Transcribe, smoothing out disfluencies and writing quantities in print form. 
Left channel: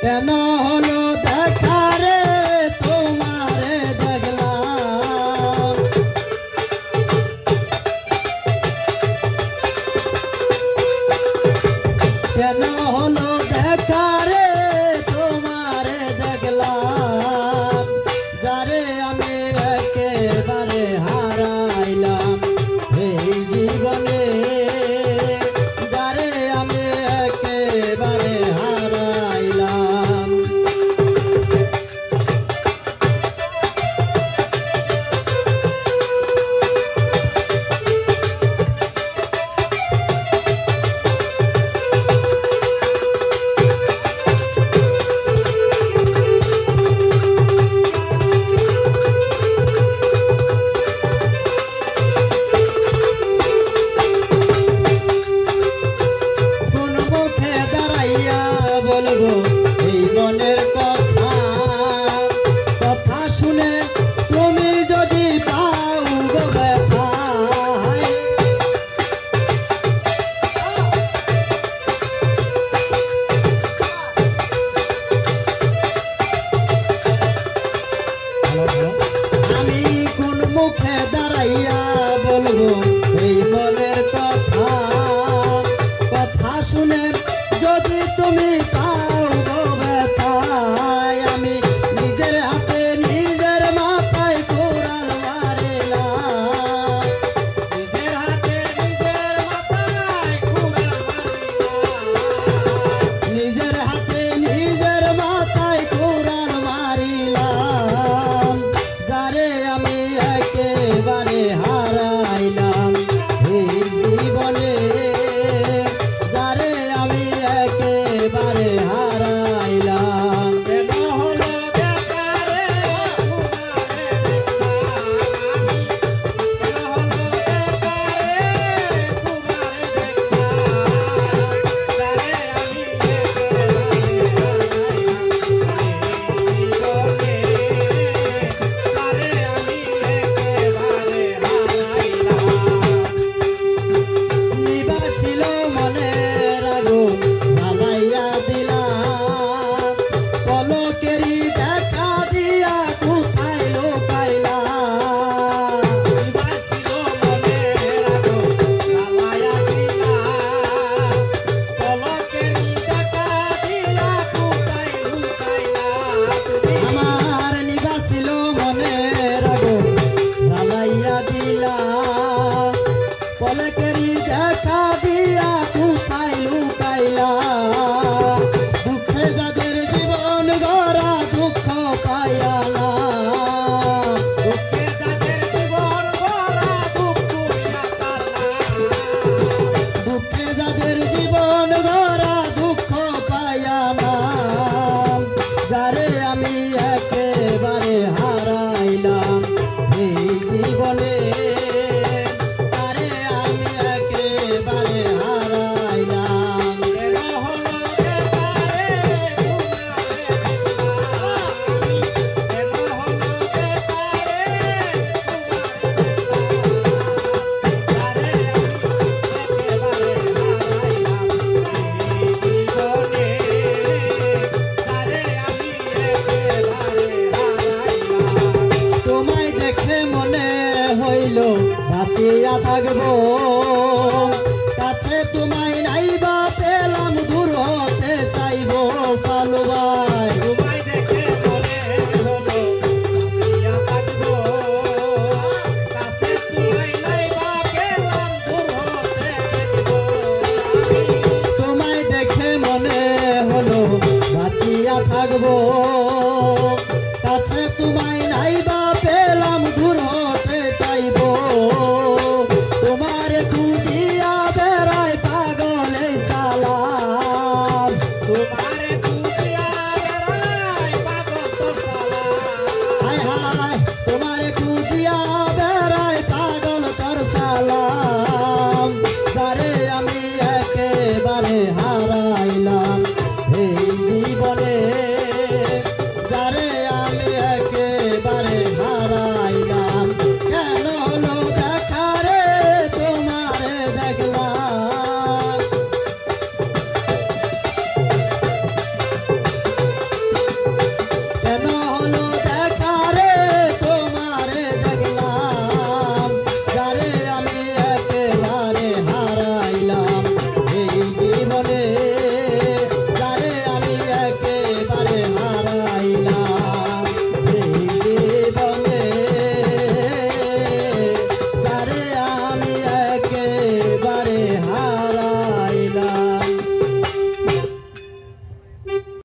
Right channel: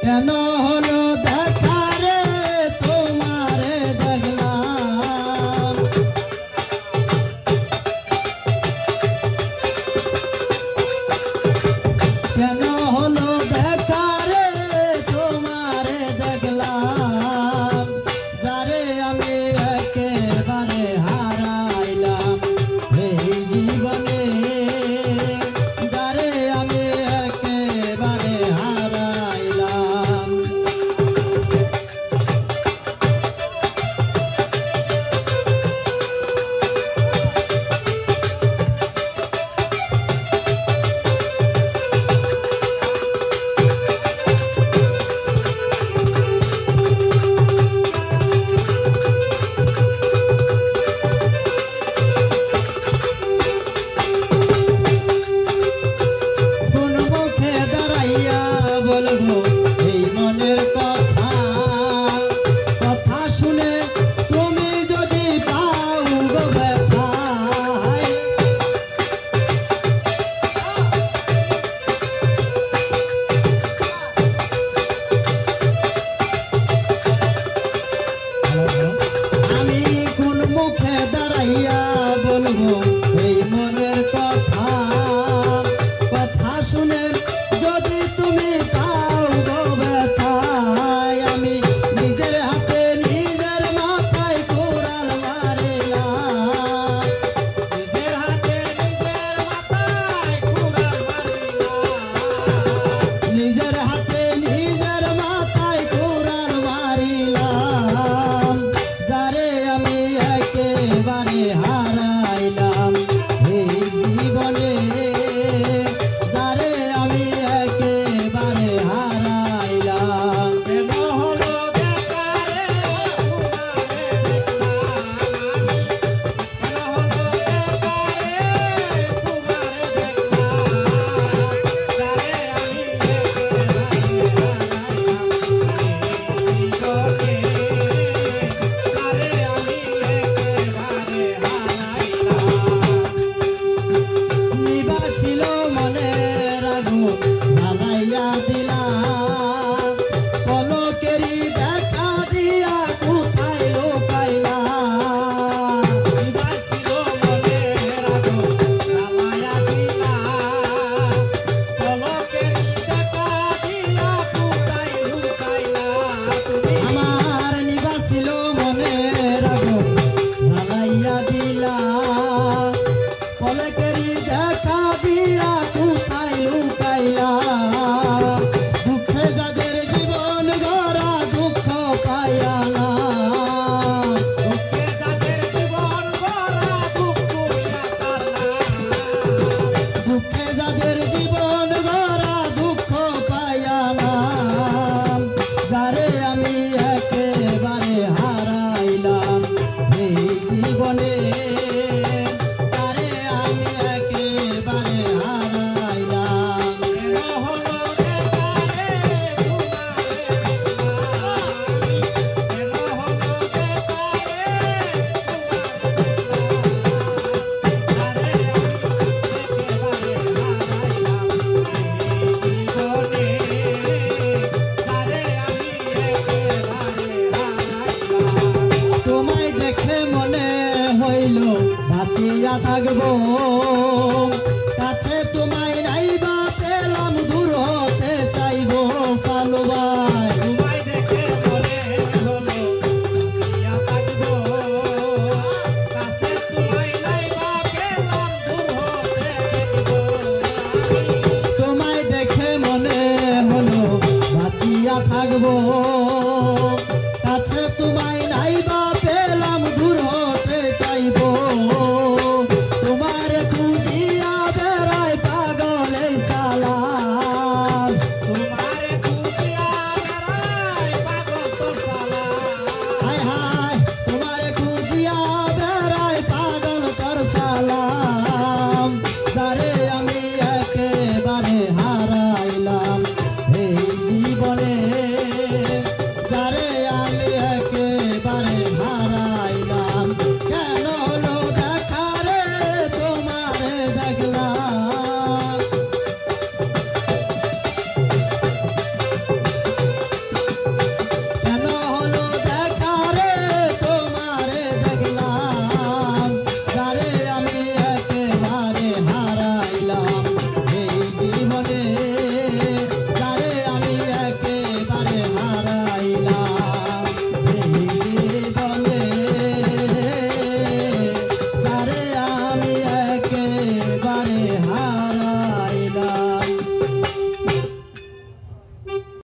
কেন হলো দেখা রে তোমারে দেখলাম কেন হলো দেখা রে তোমারে দেখলাম যারে আমি একেবারে হারাইলাম এই জীবনে যারে আমি একেবারে হারাইলাম বলবো এই মনের কথা কথা শুনে তুমি যদি পাও গো ব্যথা আমি কোন মুখে দাঁড়াইয়া বলবো এই মনের কথা কথা শুনে যদি তুমি নিজের হাতে নিজের মাথায় কুড়াল মারিলাম যারে আমি একেবারে হারাইলাম এই জীবনে যারে আমি একেবারে হারাইলাম কেন হলো দেখা রে পলকেরি দেখা দিয়া লুকাই লুকাইলা দুঃখে যাদের জীবন গড়া দুঃখ পাইয়া না দুঃখে যাদের জীবন গড়া দুঃখে যাদের জীবন গড়া দুঃখ পাইয়া না যারে আমি একেবারে হারাইলাম এই জীবনে তোমায় দেখে মনে হইল বাঁচিয়া থাকবো কাছে তোমায় নাইবা পেলাম দূর হতে চাইবো পালবাই তোমায় দেখে মনে হলো বাঁচিয়া থাকবো কাছে তোমায় নাইবা পেলাম দূর হতে চাইবো তোমায় দেখে মনে হলো বাঁচিয়া থাকবো কাছে তোমায় নাইবা পেলাম দূর হতে চাইবো তোমার খুঁজিয়া বেড়ায় পাগলে সালাম তোমার